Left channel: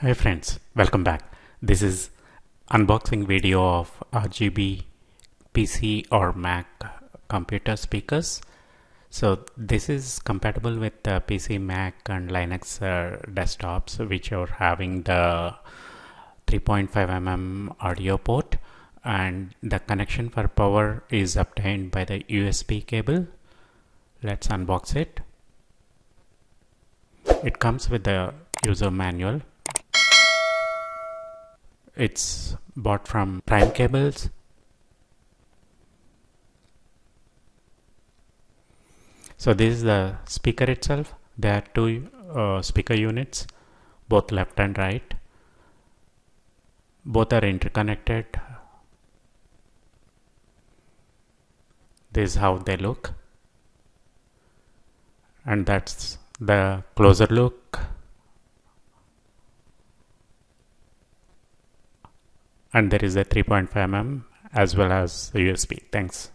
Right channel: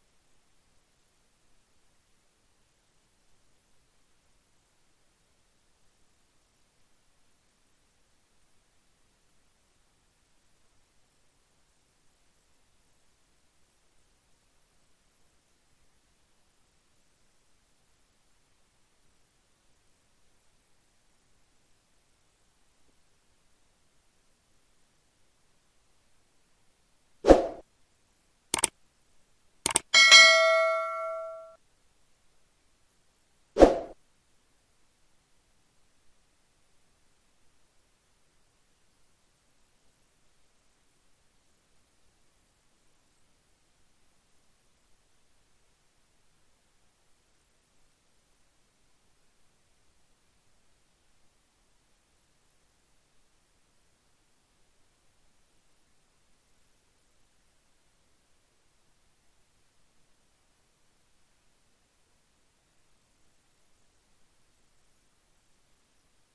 Hi friends, welcome back. This is unboxing video of RGB PC or Mac computer speakers. So this is compatible with PC, Mac and Linux desktops which are having the 3.5 mm audio port, and the connection for power is obtained by the USB cable. Let's unbox it. It comes with the user manual. It's bought from Primecables. So this is the speaker itself. There are two speaker units, both left and right. Both are interconnected. This is how they look, and that's the closer look. And there is a 3.5 mm as well as the USB. Thanks.